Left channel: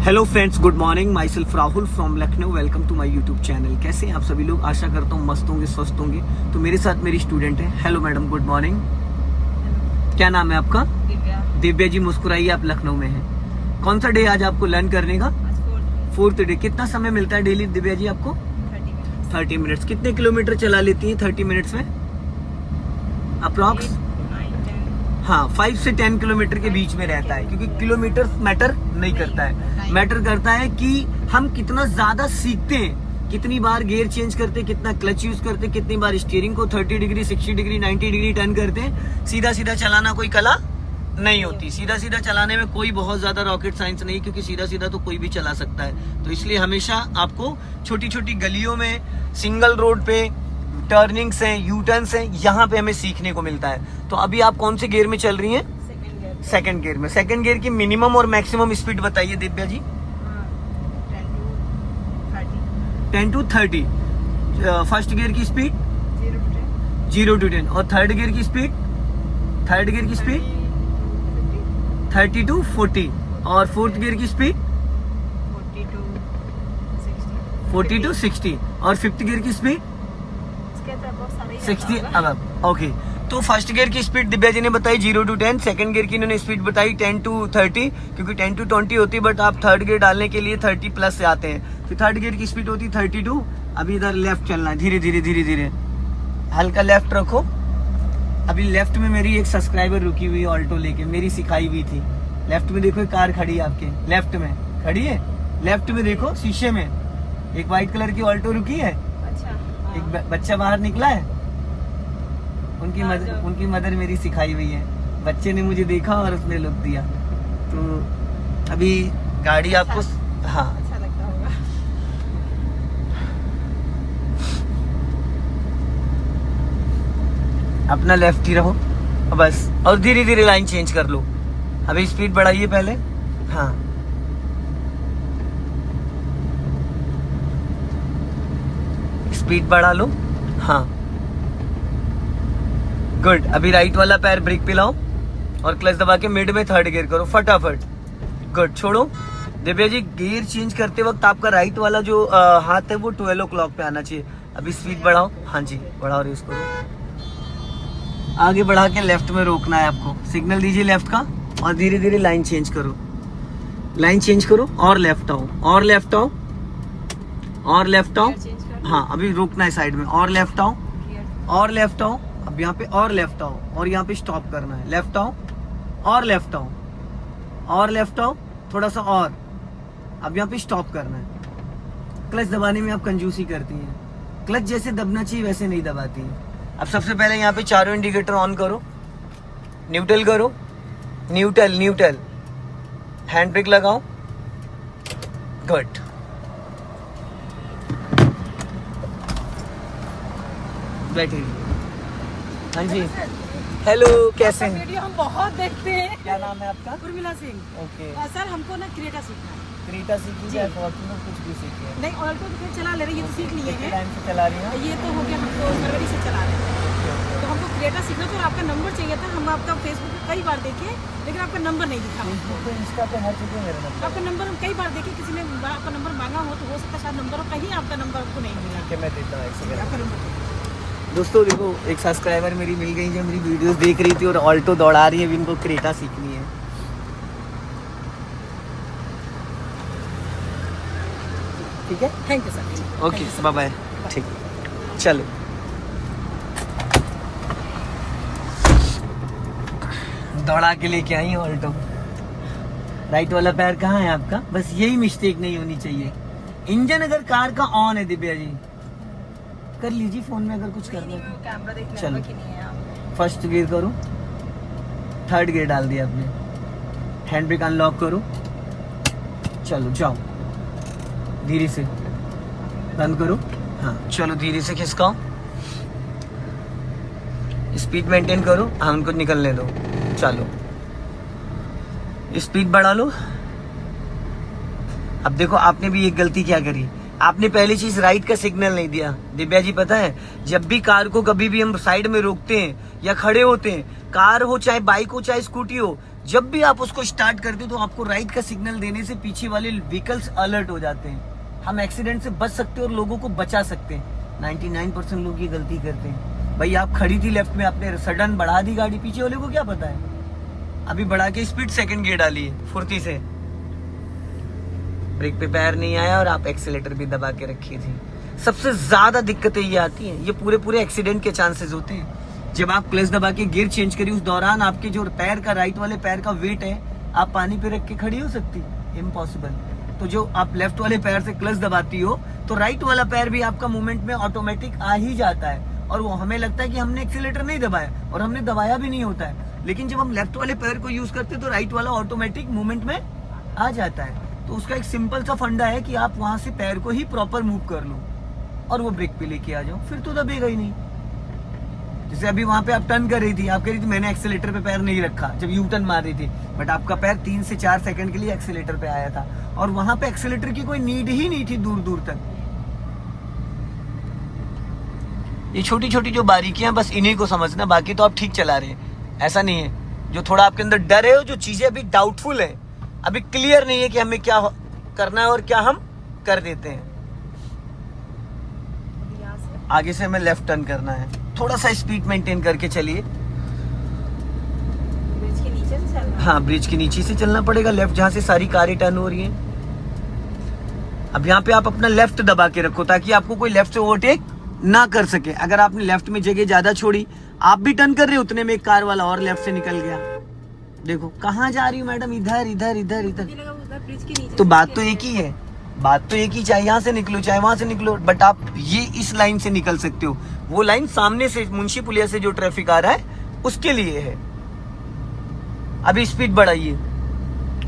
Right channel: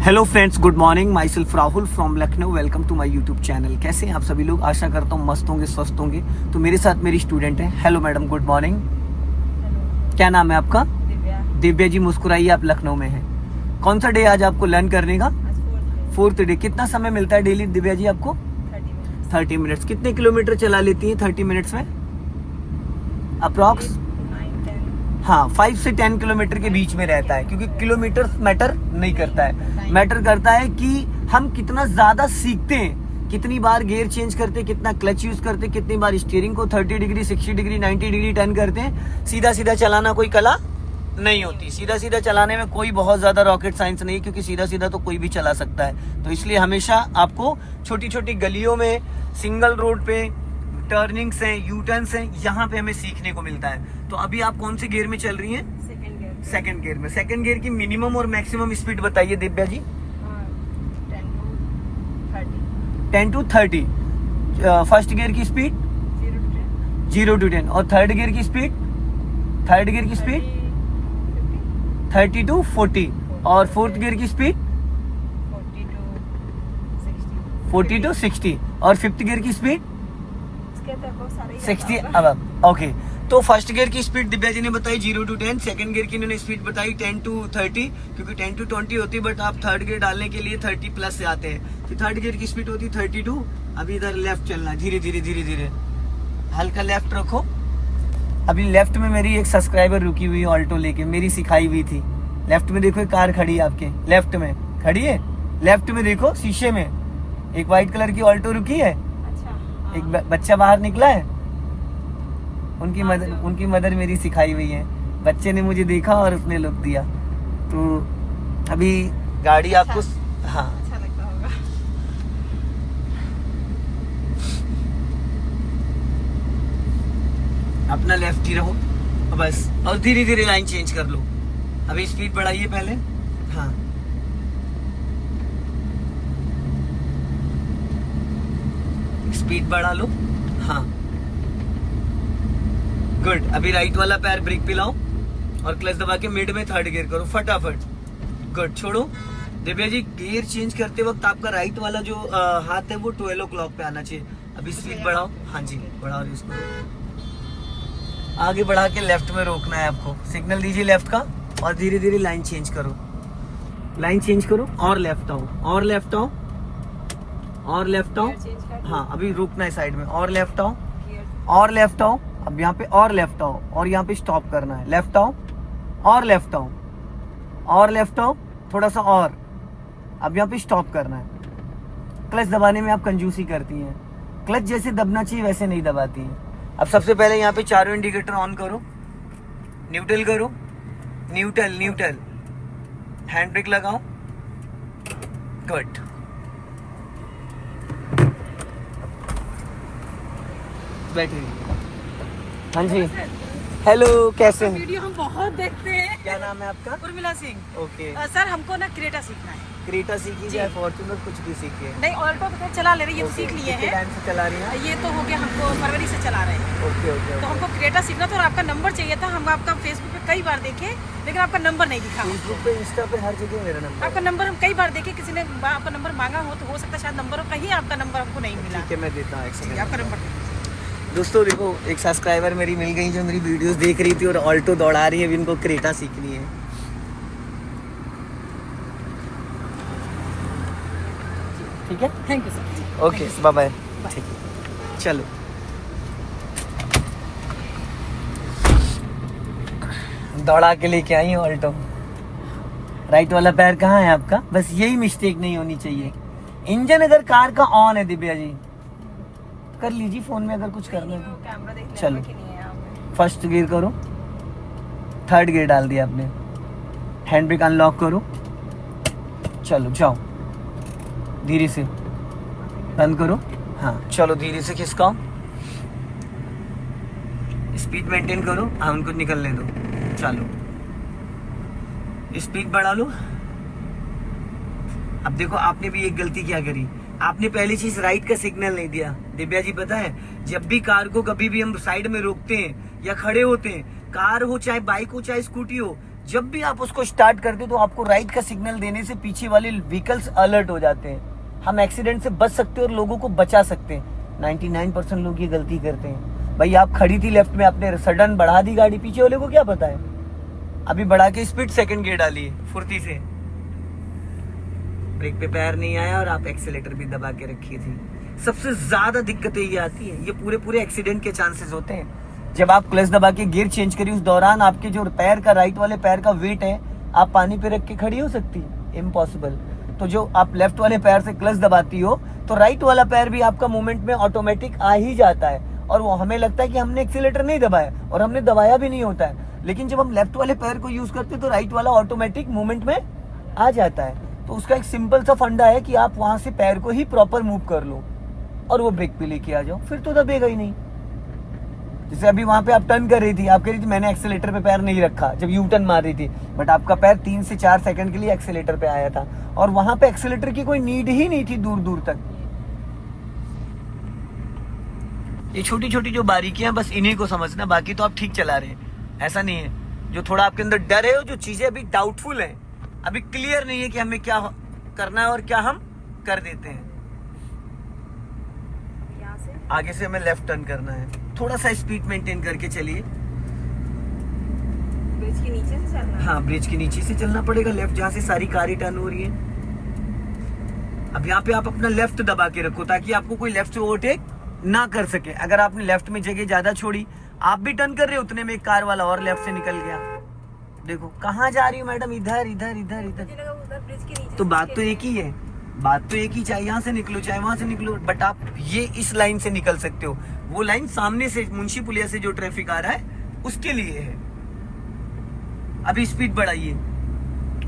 Hello friends, good morning. My self Rahul from Lucknow. Welcome to my YouTube channel. कैसे हैं आप सभी लोग? आशा करता हूँ मस्त होंगे, स्वस्थ होंगे। तो मेरे साथ मेरी स्टूडेंट है। Hello madam, good morning. क्या नाम है आपका? दिव्या। दिव्या जी, मुस्कुराइए, आप लखनऊ में हैं। कौन सा डे आज आपको लर्न करने का? Fourth day. कितना समय मिलता है डेली दिव्या जी आपको? 30 मिनट्स। कितने किलोमीटर चला लेती है 30 मिनट्स में अप्रॉक्स? हाँ, 5 से 10 किलोमीटर के बीच में रहता है, क्योंकि किलोमीटर मैटर नहीं करता है। मैटर करता है कि हम कितना ज्यादा सीखते हैं, कितनी बार गियर चेंज करते हैं, कितना क्लच यूज करते हैं, कितनी बार स्टीयरिंग को 30 डिग्री, 60 डिग्री, 90 डिग्री टर्न करते हैं। सीधा सीधा चलाना कोई कला नहीं होती। सीधा सीधा चलाने में कोई बहुत ज्यादा रॉकेट साइंस नहीं, क्योंकि सीधा सीधा तो कोई भी चला सकता है। तो इसलिए हमेशा आपको छोटी छोटी गलियों में, सिंगल रोड पे, टर्निंग्स हैं, यू टर्न्स हैं, यहाँ पे हमें सीखने को मिलता है। तो अभी आप कौन से गियर में चल रही हैं? सेकंड गियर में। सेकंड गियर की मिनिमम और मैक्सिमम स्पीड बताइए Divya ji. 10 to 30। First gear की स्पीड 0 to 10। और थर्ड गियर की स्पीड? थर्ड गियर की स्पीड 30 to 40। और फोर्थ गियर की स्पीड 40 to 60। और फिफ्थ गियर की स्पीड 60 अब। ओके, तो फर्स्ट गियर की स्पीड दिव्या जी ने बताई 0 to 10। सेकंड गियर की इन्होंने स्पीड बताई 10 to 30, क्योंकि 10 to 20 होती है, बट आप थर्ड गियर डालने के लिए 30 प्लस से आते हैं। फिर थर्ड गियर की स्पीड होती है 32। अभी इधर लेफ्ट चलना है, धीरे धीरे धीरे धीरे, हल्का लेफ्ट रखो। अभी लेफ्ट में मेरी एक सब्सक्राइबर रुकी हुई ऑल्टो लेके, मेरी सिखाई हुई थी। लेफ्ट में देखो, एक कार खड़ी है आपके लेफ्ट में, खड़ी है। लेफ्ट में देखो, शीशे में एक व्हाइट कलर की ऑल्टो रुकी है। अच्छा। एक बच्चा बाहर निकला है। उनकी मदर मेरी सिखाई हुई है। बच्चे ने मुझे देखा और उसने लुक दिया। तो अभी गाड़ी आपको हाँ, अच्छा लगता होगा। अपना लेफ्ट ही रहो बस, और धीरे धीरे लाइन चेंज कर लो। अभी स्पीड बढ़ाइए पहले। हाँ, स्पीड बढ़ा लो। हाँ, गुड। अभी राइट वाला पैर ब्रेक पे लाओ और क्लच दबा के मिड में थर्ड गियर करो फटाफट। गुड, छोड़ो। दिव्या जी, गियर चेंज करते वक्त आपका राइट वाला जो हाथ है वो 12 o'clock पे आना चाहिए। अभी स्पीड बढ़ाओ। हाँ जी, बढ़ाओ, रेस करो। आगे बढ़ा के लेफ्ट में रोकना है आपको। सिग्नल दीजिए लेफ्ट का और धीरे धीरे लाइन चेंज करो। लाइन चेंज करो और लेफ्ट आओ, और लेफ्ट आओ, और लेफ्ट आओ। हाँ, अभी रोकना है साइड में, और लेफ्ट आओ, और लेफ्ट आओ। अब यहाँ पे और लेफ्ट आओ, और यहाँ पे स्टॉप करना है। लेफ्ट आओ और लेफ्ट आओ, और लेफ्ट आओ, थोड़ा सा और। अब यहाँ पे स्टॉप करना है। क्लच दबाने में आप कंजूसी करती है। क्लच जैसे दबना चाहिए वैसे नहीं दबाती है। अब सबसे पहले यहाँ पे चारों इंडिकेटर ऑन करो, न्यूट्रल करो, न्यूट्रल न्यूट्रल, हैंड ब्रेक लगाओ। गुड। बैठे। हाँ जी, हेलो, कैसे हैं? वीडियो हम बहुत देखते हैं। क्या नाम है आपका? उर्मिला सिंह। ओके। सर, हमको ना क्रेटा सीखना है। क्रेटा सीखी जी। जाए, फॉर्च्यूनर कुछ भी सीखिए। नहीं, ऑल्टो तो फिर चला ले रही है, ये तो सीख लिए हैं। टाइम से चला रही है। ये तो हो गया, हमको फरवरी से चला रहे हैं। Okay okay. तो हमको क्रेटा सीखना था और आपका नंबर चाहिए था। हम आपका फेसबुक पे कई बार देखे, लेकिन आपका नंबर नहीं दिखा। फेसबुक पे, इंस्टा पे, हर जगह मेरा नंबर आपका नंबर हम कई बार देखे, किसी ने आपका नंबर मांगा हो सकता है शायद नंबर हो, कहीं आपका नंबर हमको नहीं मिला। ठीक है, मैं देता हूँ, एक सेकंड। आपका नंबर दीजिए। दोस्तों देखो, एक सब्सक्राइबर मेरी मिल गई जो मेरी वीडियोस देख रही थी और ऑल्टो दौड़ा रही है। अभी इनको क्रेटा सीखनी है। ठीक है, thank you sir. Okay, bye bye. ठीक है, चलो। दौड़ा के लेके आई ऑल्टो। राइट वाला पैर कहाँ है आपका? बस यही मिस्टेक नहीं होनी चाहिए। इंजन अगर कार का ऑन है दिव्या जी, कर लीजिए फोन में अगर कुछ करना है तो। कैमरा देख चलो। लेंगे कि नहीं है आपने। फर्स्ट गियर करो, थर्ड गियर डाल दिया आपने, हैंड ब्रेक अनलॉक करो, चलो जाओ, धीरे से बंद करो। हाँ, चलो धीरे से खिसकाओ, स्पीड मेंटेन करो। हाँ, उनको निकलने दो। चलो, स्पीड बढ़ा लो। अब देखो, आपने भी एक गलती क्या करी, आपने पहली चीज राइट का सिग्नल नहीं दिया। दिव्या जी, पता है, जब भी कार को कभी भी हम साइड में रोकते हैं या खड़े होते हैं, कार हो चाहे बाइक हो चाहे स्कूटी हो, जब भी आप उसको स्टार्ट करते हो तो आपको राइट का सिग्नल देने से पीछे वाले व्हीकल्स अलर्ट हो जाते हैं। हम एक्सीडेंट से बच सकते हैं और लोगों को बचा सकते हैं। 99% लोग ये गलती करते हैं। भाई आप खड़ी थी लेफ्ट में, आपने सडन बढ़ा दी गाड़ी, पीछे वाले को क्या पता है? अभी बढ़ा के स्पीड सेकंड गियर डाली है फुर्ती से, ब्रेक पे पैर नहीं आया और आप एक्सीलेटर भी दबा के रखी थी। सबसे ज्यादा दिक्कतें ये आती हैं, ये पूरे एक्सीडेंट के चांसेस होते हैं। जब आप क्लच दबा के गियर चेंज करिए उस दौरान आपके जो पैर का, राइट वाले पैर का वेट है, आप पानी पे रख के खड़ी हो सकती? इम्पॉसिबल। तो जो आप लेफ्ट वाले पैर से क्लच दबाती हो तो राइट वाला पैर भी आपका मूवमेंट में ऑटोमेटिक आ ही जाता है, और वो हमें लगता है कि हमने एक्सीलेटर नहीं दबाया, और हमने दबाया भी नहीं होता है। लेकिन जब हम लेफ्ट वाले पैर को यूज करते हैं तो राइट वाला ऑटोमेटिक मूवमेंट में आ जाता है। तो उसका एक सिंपल सा फंडा है कि आप वहां से पैर को ही प्रॉपर मूव कर लो और वो ब्रेक पे लेके आ जाओ, फिर तो दबेगा ही नहीं। जैसे अभी वहां पे आप टर्न कर रही थी, आप कह रही थी मैंने एक्सीलेटर पे पैर नहीं रखा जब यू टर्न मार रही थी, बट आपका पैर 3 से 4 सेकंड के लिए एक्सीलेटर पे आया था, और वहां पे एक्सीलेटर की कोई नीड ही नहीं थी दूर दूर तक। ये छोटी छोटी जो बारीकियां बस इन्हीं को समझना, बाकी तो आप ठीक चला रहे हैं। ऐसा नहीं है, जो थोड़ा आपके अंदर डर है, जो चीजें अभी डाउटफुल है, अभी क्लियर नहीं है कि हमें क्या करना है और क्या हम कर देते हैं। आगे से हमें लेफ्ट टर्न करना है, थोड़ा सा स्पीड मेंटेन करके चलिए। ब्रिज के नीचे से चलना? हाँ, ब्रिज के नीचे से चलना पड़ेगा, लेफ्ट जहाँ से सारी कारें टर्न हो रही हैं। अब यहाँ पे आप अपना लेफ्ट दबा के रखो ताकि आपको कोई लेफ्ट से ओवरटेक ना कर सके। अगर आपने लेफ्ट में जगह ज्यादा छोड़ी, आप भी टर्न कर रहे हो, उतने में एक कार वाला और लेफ्ट से निकल गया। देखो कहाँ जा रही हो मैडम, इधर इधर इधर इधर। ब्रिज के नीचे तो बात तो एक ही है, बात तो एक ही, चाहे यहाँ से निकलो चाहे वहां से निकलो, बट आप ये इस लाइन से निकल सकते हो। वो लाइन सामने से मुंशी पुलिया से जो ट्रैफिक आ रहा है उसके लिए है। अभी स्पीड बढ़ाइए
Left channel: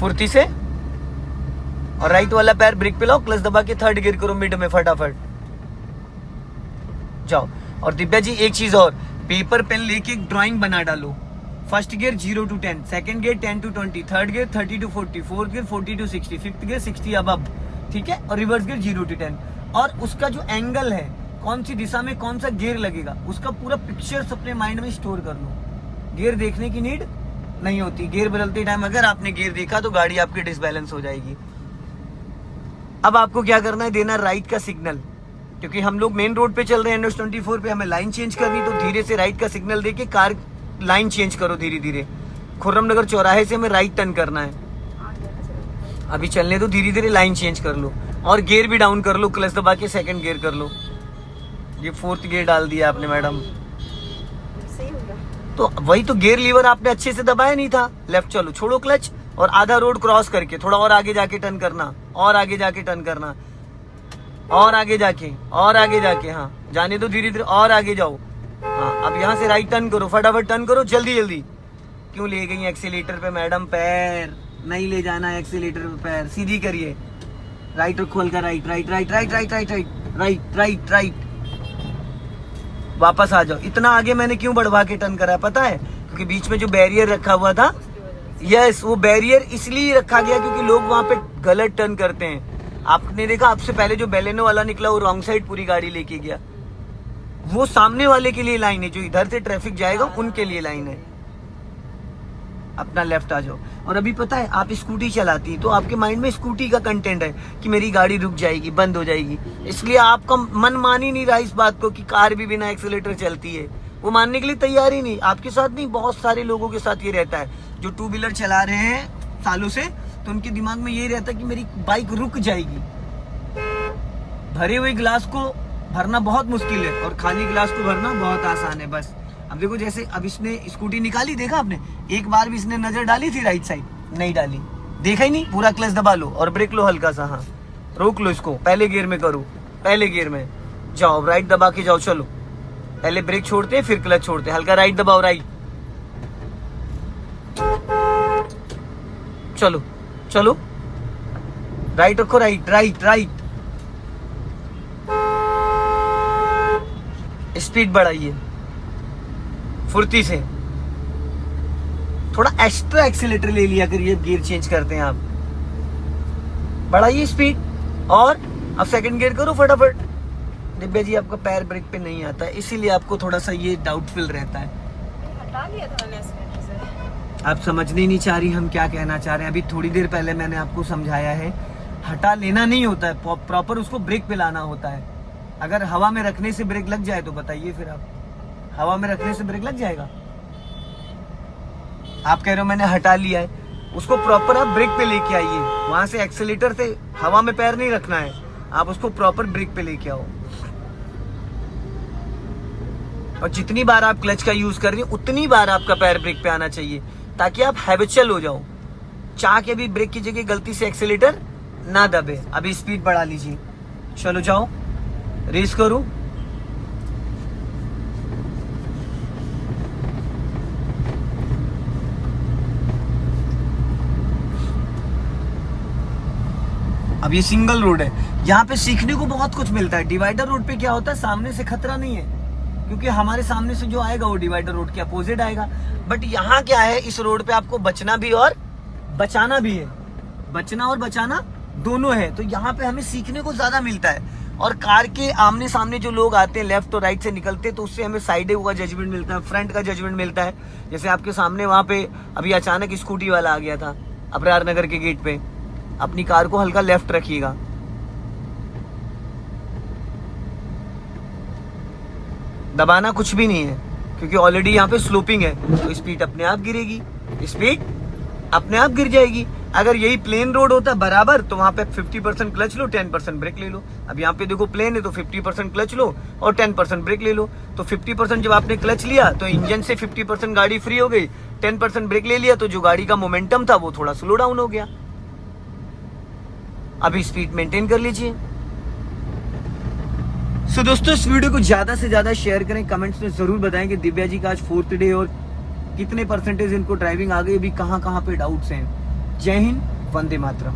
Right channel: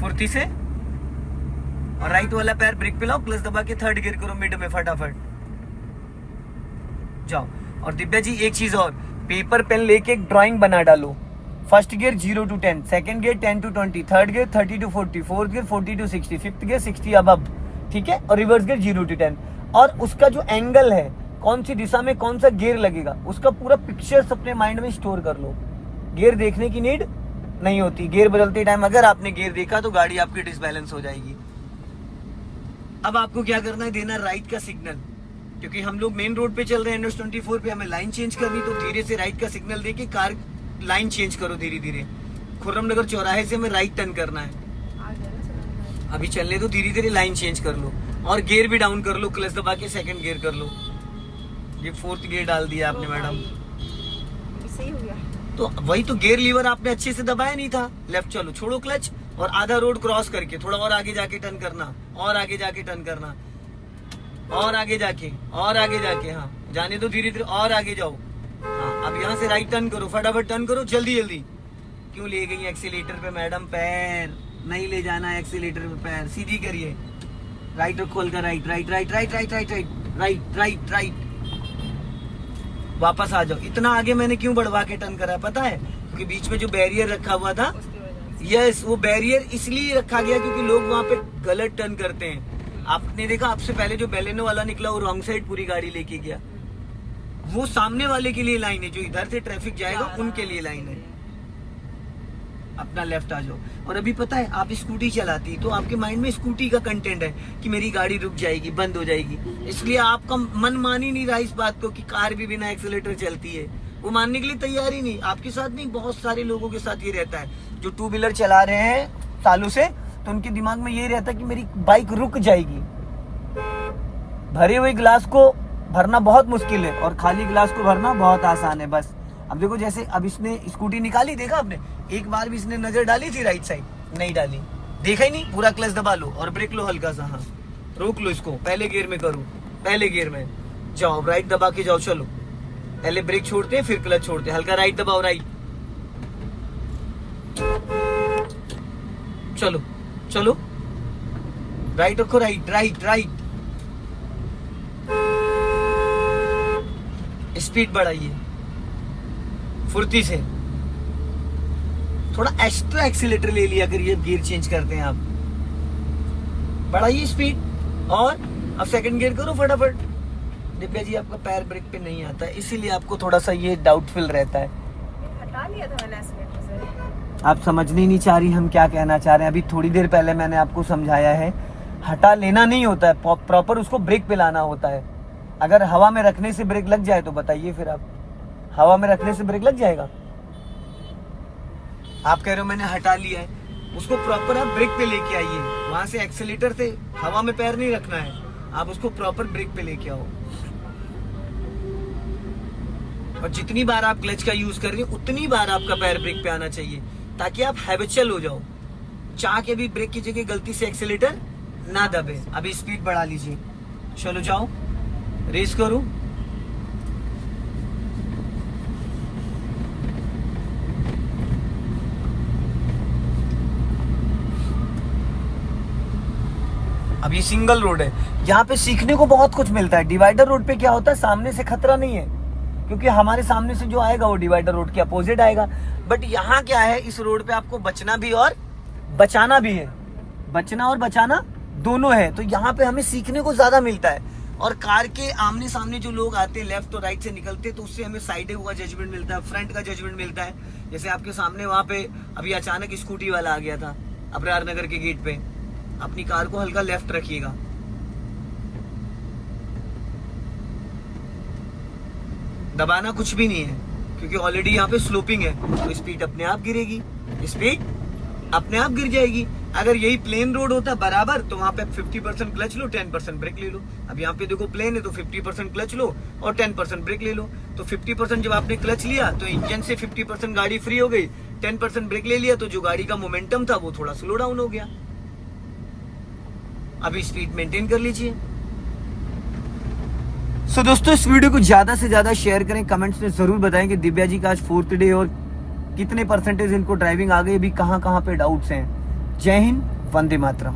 फुर्ती से, और राइट वाला पैर ब्रेक पे लाओ, क्लच दबा के थर्ड गियर करो मिड में, फटाफट जाओ। और दिव्या जी एक चीज और, पेपर पेन लेके एक ड्राइंग बना डालो। First gear 0 to 10, second gear 10 to 20, third gear 30 to 40, fourth gear 40 to 60, fifth gear 60 above, ठीक है, और रिवर्स गियर 0 to 10। और उसका जो एंगल है, कौन सी दिशा में कौन सा गियर लगेगा, उसका पूरा पिक्चर्स अपने माइंड में स्टोर कर लो। गियर देखने की नीड नहीं होती। गियर बदलते टाइम अगर आपने गियर देखा तो गाड़ी आपकी डिसबैलेंस हो जाएगी। अब आपको क्या करना है, देना राइट का सिग्नल, क्योंकि हम लोग मेन रोड पे चल रहे हैं, NH24 पे, हमें लाइन चेंज करनी, तो धीरे से राइट का सिग्नल देके कार लाइन चेंज करो धीरे धीरे। खुर्रम नगर चौराहे से हमें राइट टर्न करना है। अभी चलने दो, धीरे धीरे लाइन चेंज कर लो और गियर भी डाउन कर लो, क्लच दबा के सेकंड गियर कर लो। ये फोर्थ गियर डाल दिया आपने मैडम, सही हो गया। तो वही तो गियर लीवर आपने अच्छे से दबाया नहीं था। लेफ्ट चलो, छोड़ो क्लच, और आधा रोड क्रॉस करके थोड़ा और आगे जाके टर्न करना, और आगे जाके टर्न करना, और आगे जाके, और आगे जाके, हाँ जाने दो धीरे धीरे, और आगे जाओ। हाँ, अब यहाँ से राइट टर्न करो, फटाफट टर्न करो, जल्दी जल्दी। क्यों ले गई एक्सीलेटर पे मैडम पैर? नहीं ले जाना है एक्सीलेटर पे पैर, सीधी करिए। राइट रखो हल्का, right right right right right right right right right right. वापस आ जाओ। इतना आगे मैंने क्यों बढ़वा के टर्न करा है पता है? क्योंकि बीच में जो बैरियर रखा हुआ था, यस, वो बैरियर इसलिए रखा गया क्योंकि लोग वहां पे गलत टर्न करते हैं। आपने देखा आपसे पहले जो बेलेनो वाला निकला वो रॉन्ग साइड पूरी गाड़ी लेके गया। वो सामने वाले के लिए लाइन है, जो इधर से ट्रैफिक जाएगा उनके लिए लाइन है। अपना लेफ्ट आ जाओ। और अभी पता है आप स्कूटी चलाती तो आपके माइंड में स्कूटी का कंटेंट है कि मेरी गाड़ी रुक जाएगी, बंद हो जाएगी, इसलिए आपका मन मान ही नहीं रहा इस बात को कि कार भी बिना एक्सीलेटर चलती है। वो मानने के लिए तैयार ही नहीं। आपके साथ नहीं, बहुत सारे लोगों के साथ ये रहता है जो टू व्हीलर चला रहे हैं सालों से, तो उनके दिमाग में यही रहता है कि मेरी बाइक रुक जाएगी। भरे हुए गिलास को भरना बहुत मुश्किल है और खाली गिलास को भरना बहुत आसान है। बस अब देखो, जैसे अब इसने स्कूटी निकाली, देखा आपने, एक बार भी इसने नजर डाली थी राइट साइड? नहीं डाली, देखा ही नहीं। पूरा क्लच दबा लो और ब्रेक लो हल्का सा, हाँ रोक लो इसको, पहले गियर में करो, पहले गियर में जाओ, राइट दबा के जाओ। चलो पहले ब्रेक छोड़ते फिर क्लच छोड़ते, हल्का राइट दबाओ, राइट, चलो चलो, राइट रखो, राइट राइट राइट, स्पीड बढ़ाइए फुर्ती से। थोड़ा एक्स्ट्रा एक्सीलेटर ले लिया करिए, गियर चेंज करते हैं आप। बढ़ाइए स्पीड और अब सेकंड गियर करो फटाफट। दिव्या जी आपका पैर ब्रेक पे नहीं आता, इसीलिए आपको थोड़ा सा ये डाउटफुल रहता है। हटा लिया था मैंने एक्सीलेटर से। आप समझने नहीं चाह रही हम क्या कहना चाह रहे हैं। अभी थोड़ी देर पहले मैंने आपको समझाया है, हटा लेना नहीं होता है, प्रॉपर उसको ब्रेक पे लाना होता है। अगर हवा में रखने से ब्रेक लग जाए तो बताइए फिर आप, हवा में रखने से ब्रेक लग जाएगा? आप कह रहे हो मैंने हटा लिया है, उसको प्रॉपर आप ब्रेक पे लेके आइए। वहां से एक्सीलेटर से हवा में पैर नहीं रखना है, आप उसको प्रॉपर ब्रेक पे लेके आओ। और जितनी बार आप क्लच का यूज कर रही हैं उतनी बार आपका पैर ब्रेक पे आना चाहिए, ताकि आप हैबिचुअल हो जाओ। चाह के भी ब्रेक की जगह गलती से एक्सीलेटर ना दबे। अभी स्पीड बढ़ा लीजिए, चलो जाओ, रेस करो। अब ये सिंगल रोड है, यहाँ पे सीखने को बहुत कुछ मिलता है। डिवाइडर रोड पे क्या होता है, सामने से खतरा नहीं है, क्योंकि हमारे सामने से जो आएगा वो डिवाइडर रोड के अपोजिट आएगा। बट यहाँ क्या है, इस रोड पे आपको बचना भी और बचाना भी है, बचना और बचाना दोनों है। तो यहाँ पे हमें सीखने को ज्यादा मिलता है। और कार के आमने सामने जो लोग आते हैं, लेफ्ट और राइट से निकलते हैं, तो उससे हमें साइड का जजमेंट मिलता है, फ्रंट का जजमेंट मिलता है। जैसे आपके सामने वहां पे अभी अचानक स्कूटी वाला आ गया था अबरार नगर के गेट पे, अपनी कार को हल्का लेफ्ट रखिएगा। दबाना कुछ भी नहीं है, क्योंकि ऑलरेडी यहाँ पे स्लोपिंग है, तो स्पीड अपने आप गिरेगी, स्पीड अपने आप गिर जाएगी। अगर यही प्लेन रोड होता बराबर, तो वहां पे 50% क्लच लो, 10% ब्रेक ले लो। अब यहाँ पे देखो प्लेन है, तो 50% क्लच लो और 10% ब्रेक ले लो। तो 50% जब आपने क्लच लिया तो इंजन से 50% गाड़ी फ्री हो गई, 10% ब्रेक ले लिया तो जो गाड़ी का मोमेंटम था वो थोड़ा स्लो डाउन हो गया। अभी स्पीड मेंटेन कर लीजिए। सो दोस्तों, इस वीडियो को ज्यादा से ज्यादा शेयर करें, कमेंट्स में जरूर बताएं कि दिव्या जी का आज 4th डे और कितने परसेंटेज इनको ड्राइविंग आ गई, अभी कहां पे डाउट्स हैं। जय हिंद, वंदे मातरम।